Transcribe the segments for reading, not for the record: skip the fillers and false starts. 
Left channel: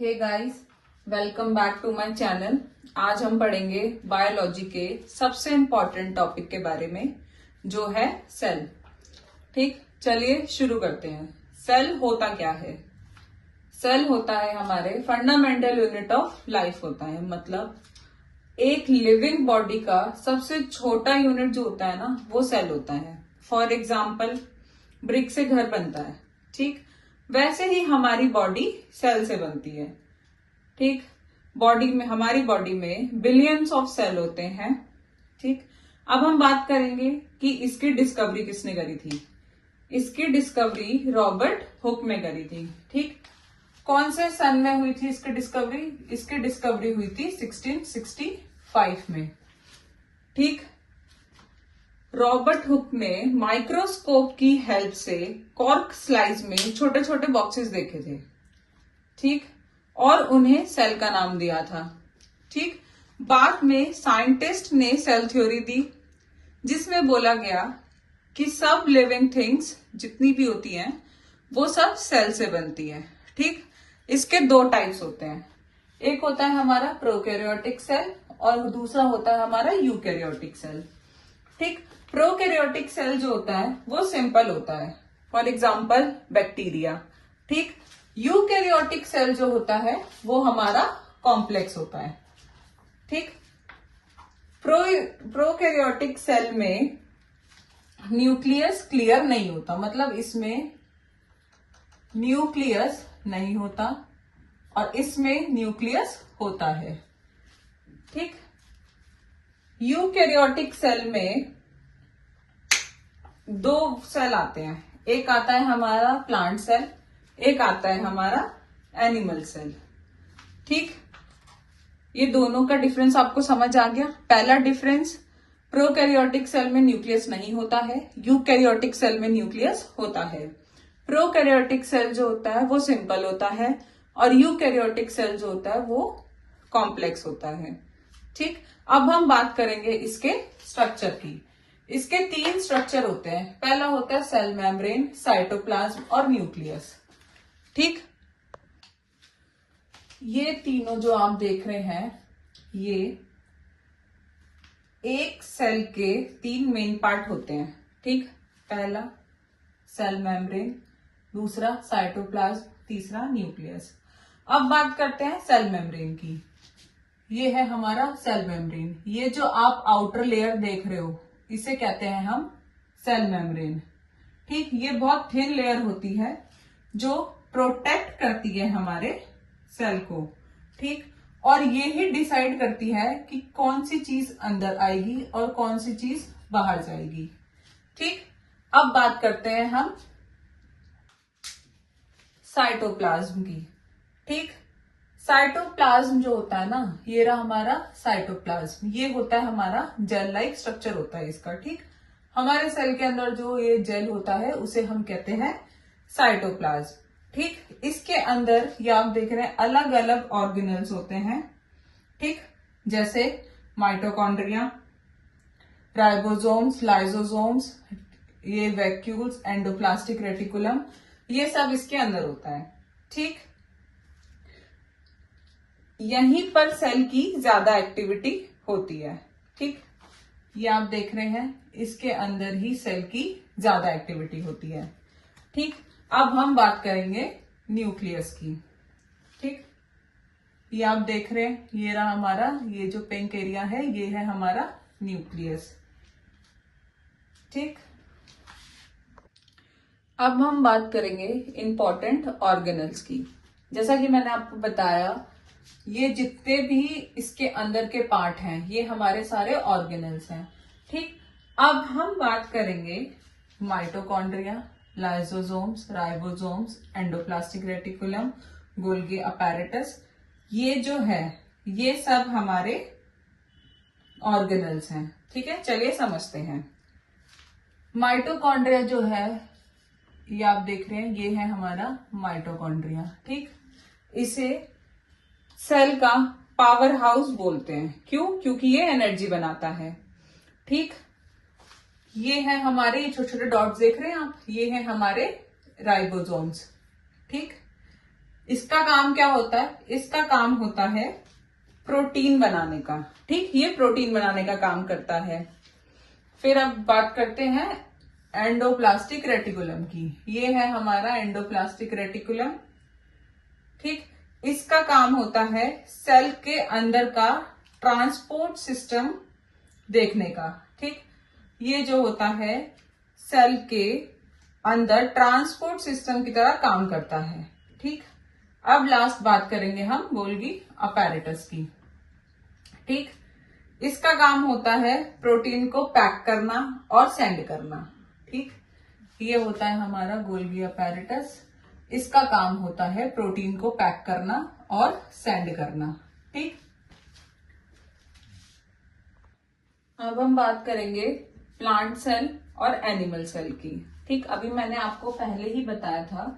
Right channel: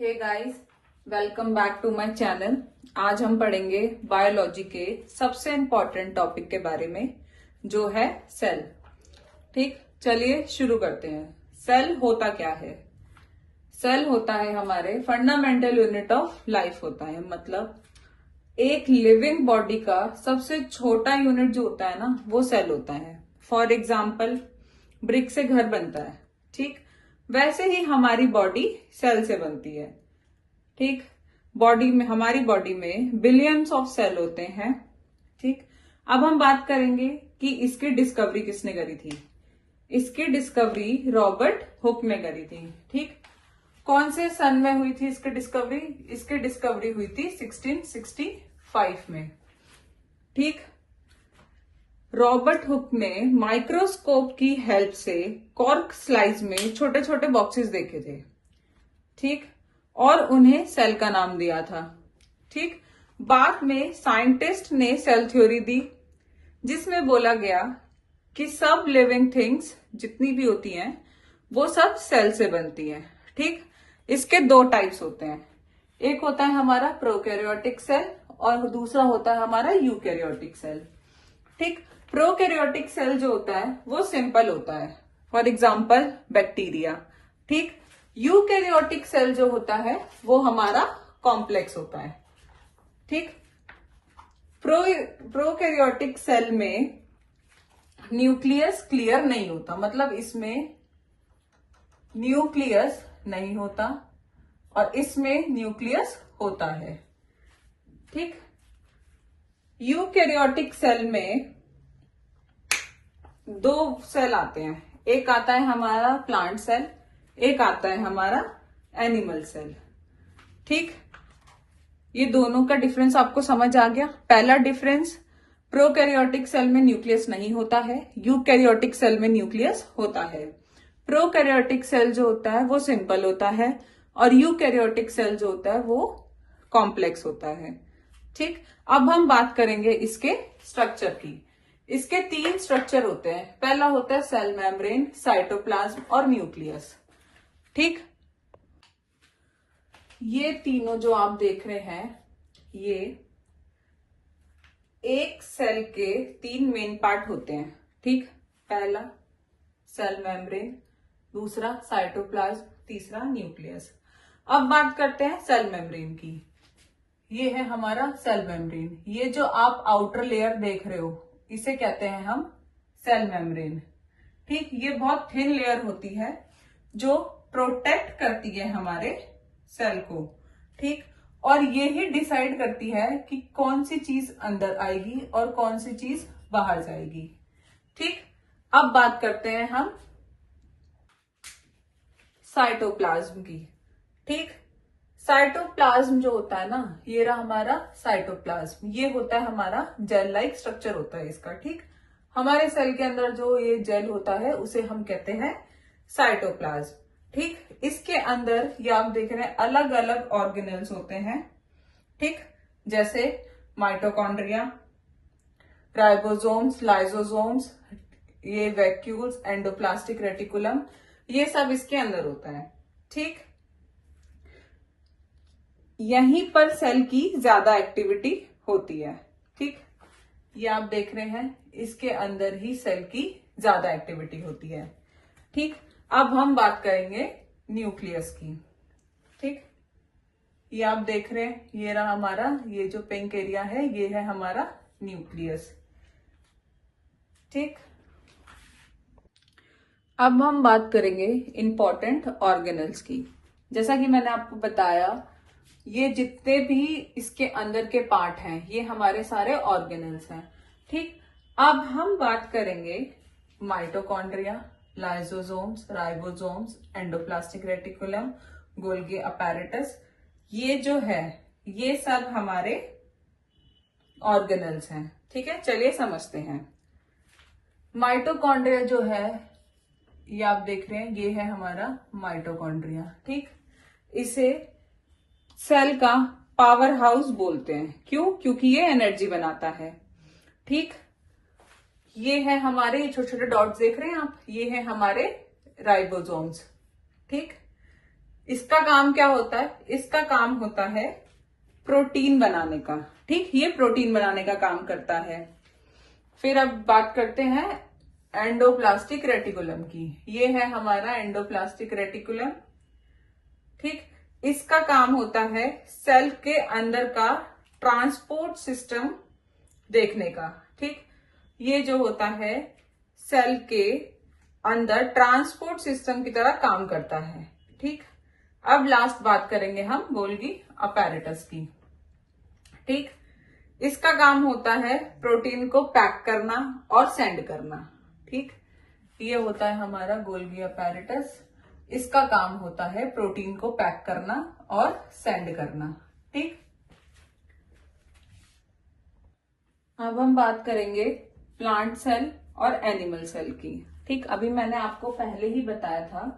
Hey guys, welcome back to my channel. आज हम पढ़ेंगे बायोलॉजी के सबसे इम्पोर्टेंट टॉपिक के बारे में, जो है सेल। ठीक, चलिए शुरू करते हैं। सेल होता क्या है? सेल होता है हमारे फंडामेंटल यूनिट ऑफ लाइफ होता है, मतलब एक लिविंग बॉडी का सबसे छोटा यूनिट जो होता है ना, वो सेल होता है। फॉर एग्जाम्पल, ब्रिक से घर बनता है, ठीक वैसे ही हमारी बॉडी सेल से बनती है। ठीक, हमारी बॉडी में बिलियंस ऑफ सेल होते हैं। ठीक, अब हम बात करेंगे कि इसकी डिस्कवरी किसने करी थी। इसकी डिस्कवरी रॉबर्ट हुक ने करी थी। ठीक, कौन से सन में हुई थी इसकी डिस्कवरी? इसकी डिस्कवरी हुई थी 1665 में। ठीक, रॉबर्ट हुक ने माइक्रोस्कोप की हेल्प से कॉर्क स्लाइस में छोटे छोटे बॉक्सेस देखे थे। ठीक, और उन्हें सेल का नाम दिया था। ठीक, बाद में साइंटिस्ट ने सेल थ्योरी दी, जिसमें बोला गया कि सब लिविंग थिंग्स जितनी भी होती हैं वो सब सेल से बनती है। ठीक, इसके दो टाइप्स होते हैं, एक होता है हमारा प्रोकैरियोटिक सेल और दूसरा होता है हमारा यूकैरियोटिक सेल। ठीक, प्रोकैरियोटिक सेल जो होता है वो सिंपल होता है, फॉर एग्जाम्पल बैक्टीरिया। ठीक, यूकैरियोटिक सेल जो होता है वो हमारा कॉम्प्लेक्स होता है। ठीक, प्रोकैरियोटिक सेल में न्यूक्लियस क्लियर नहीं होता, मतलब इसमें न्यूक्लियस नहीं होता और इसमें न्यूक्लियस होता है। ठीक, यूकैरियोटिक सेल में दो सेल आते हैं, एक आता है हमारा प्लांट सेल, एक आता है हमारा एनिमल सेल। ठीक, ये दोनों का डिफरेंस आपको समझ आ गया। पहला डिफरेंस, प्रोकैरियोटिक सेल में न्यूक्लियस नहीं होता है, यूकैरियोटिक सेल में न्यूक्लियस होता है। प्रोकैरियोटिक सेल जो होता है वो सिंपल होता है और यूकैरियोटिक सेल जो होता है वो कॉम्प्लेक्स होता है। ठीक, अब हम बात करेंगे इसके स्ट्रक्चर की। इसके तीन स्ट्रक्चर होते हैं। पहला होता है सेल मेम्ब्रेन, साइटोप्लाज्म और न्यूक्लियस। ठीक, ये तीनों जो आप देख रहे हैं, ये एक सेल के तीन मेन पार्ट होते हैं। ठीक, पहला सेल मेम्ब्रेन, दूसरा साइटोप्लाज्म, तीसरा न्यूक्लियस। अब बात करते हैं सेल मेम्ब्रेन की। ये है हमारा सेल मेम्ब्रेन। ये जो आप आउटर लेयर देख रहे हो, इसे कहते हैं हम सेल मेम्ब्रेन। ठीक, ये बहुत थिन लेयर होती है जो प्रोटेक्ट करती है हमारे सेल को। ठीक, और ये ही डिसाइड करती है कि कौन सी चीज अंदर आएगी और कौन सी चीज बाहर जाएगी। ठीक, अब बात करते हैं हम साइटोप्लाज्म की। ठीक, साइटोप्लाज्म जो होता है ना, ये रहा हमारा साइटोप्लाज्म। ये होता है हमारा जेल लाइक स्ट्रक्चर होता है इसका। ठीक, हमारे सेल के अंदर जो ये जेल होता है उसे हम कहते हैं साइटोप्लाज्म। ठीक, इसके अंदर ये आप देख रहे हैं अलग अलग ऑर्गेनल्स होते हैं। ठीक, जैसे माइटोकॉन्ड्रिया, राइबोसोम्स, लाइसोसोम्स, ये वैक्यूल्स, एंडोप्लास्टिक रेटिकुलम, ये सब इसके अंदर होता है। ठीक, यहीं पर सेल की ज्यादा एक्टिविटी होती है। ठीक, ये आप देख रहे हैं, इसके अंदर ही सेल की ज्यादा एक्टिविटी होती है। ठीक, अब हम बात करेंगे न्यूक्लियस की। ठीक, ये आप देख रहे हैं, ये रहा हमारा, ये जो पिंक एरिया है ये है हमारा न्यूक्लियस। ठीक, अब हम बात करेंगे इंपॉर्टेंट ऑर्गेनल्स की। जैसा कि मैंने आपको बताया, ये जितने भी इसके अंदर के पार्ट हैं ये हमारे सारे ऑर्गेनल्स हैं। ठीक, अब हम बात करेंगे mitochondria, lysosomes, ribosomes, endoplastic reticulum, Golgi apparatus. ये जो है ये सब हमारे ऑर्गेनल्स हैं। ठीक है, चलिए समझते हैं। माइटोकॉन्ड्रिया जो है, ये आप देख रहे हैं, ये है हमारा माइटोकॉन्ड्रिया। ठीक, इसे सेल का पावर हाउस बोलते हैं। क्यों? क्योंकि ये एनर्जी बनाता है। ठीक, ये है हमारे छोटे छोटे डॉट्स देख रहे हैं आप, ये है हमारे राइबोसोम्स। ठीक, इसका काम क्या होता है? इसका काम होता है प्रोटीन बनाने का। ठीक, ये प्रोटीन बनाने का काम करता है। फिर अब बात करते हैं एंडोप्लास्टिक रेटिकुलम की। ये है हमारा एंडोप्लास्टिक रेटिकुलम। ठीक, इसका काम होता है सेल के अंदर का ट्रांसपोर्ट सिस्टम देखने का। ठीक, ये जो होता है सेल के अंदर ट्रांसपोर्ट सिस्टम की तरह काम करता है। ठीक, अब लास्ट बात करेंगे हम गोल्गी अपैरेटस की। ठीक, इसका काम होता है प्रोटीन को पैक करना और सेंड करना। ठीक, ये होता है हमारा गोल्गी अपैरेटस। इसका काम होता है प्रोटीन को पैक करना और सेंड करना। ठीक, अब हम बात करेंगे प्लांट सेल और एनिमल सेल की। ठीक, अभी मैंने आपको पहले ही बताया था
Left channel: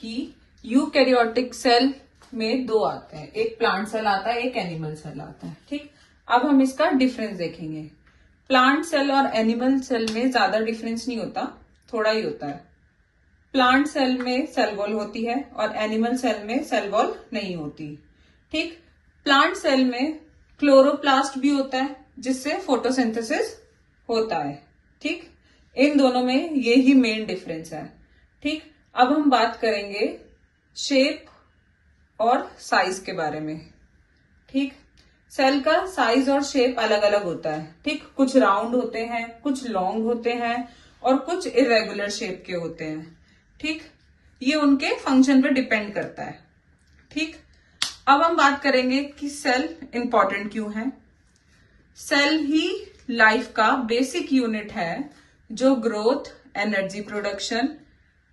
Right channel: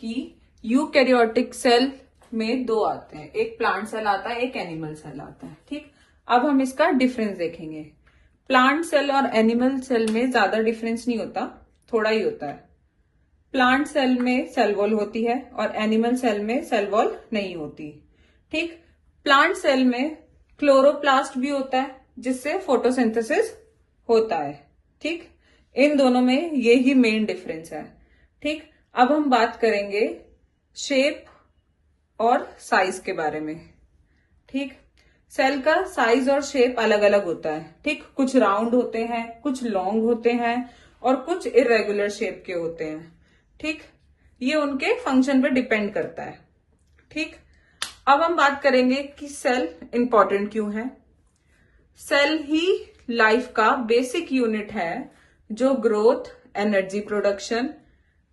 कि यूकैरियोटिक सेल में दो आते हैं, एक प्लांट सेल आता है, एक एनिमल सेल आता है। ठीक, अब हम इसका डिफरेंस देखेंगे। प्लांट सेल और एनिमल सेल में ज्यादा डिफरेंस नहीं होता, थोड़ा ही होता है। प्लांट सेल में सेल वॉल होती है और एनिमल सेल में सेल वॉल नहीं होती। ठीक, प्लांट सेल में क्लोरोप्लास्ट भी होता है जिससे फोटोसिंथेसिस होता है। ठीक, इन दोनों में ये ही मेन डिफरेंस है। ठीक, अब हम बात करेंगे शेप और साइज के बारे में। ठीक, सेल का साइज और शेप अलग अलग होता है। ठीक, कुछ राउंड होते हैं, कुछ लॉन्ग होते हैं और कुछ इरेगुलर शेप के होते हैं। ठीक, ये उनके फंक्शन पर डिपेंड करता है। ठीक, अब हम बात करेंगे कि सेल इंपॉर्टेंट क्यों है। सेल ही लाइफ का बेसिक यूनिट है जो ग्रोथ, एनर्जी प्रोडक्शन,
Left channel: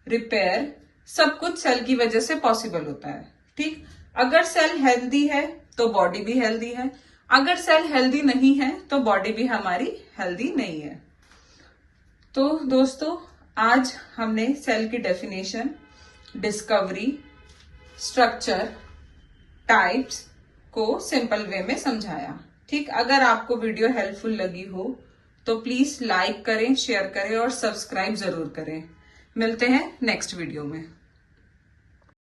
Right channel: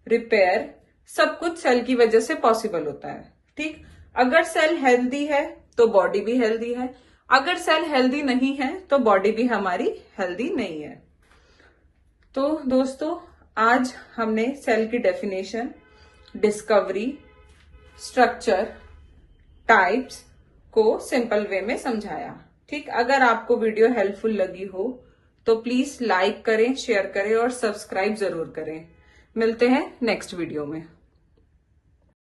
रिपेयर सब कुछ सेल की वजह से पॉसिबल होता है। ठीक, अगर सेल हेल्दी है तो बॉडी भी हेल्दी है, अगर सेल हेल्दी नहीं है तो बॉडी भी हमारी हेल्दी नहीं है। तो दोस्तों, आज हमने सेल की डेफिनेशन, डिस्कवरी, स्ट्रक्चर, टाइप्स को सिंपल वे में समझाया। ठीक, अगर आपको वीडियो हेल्पफुल लगी हो तो प्लीज लाइक करें, शेयर करें और सब्सक्राइब जरूर करें। मिलते हैं नेक्स्ट वीडियो में।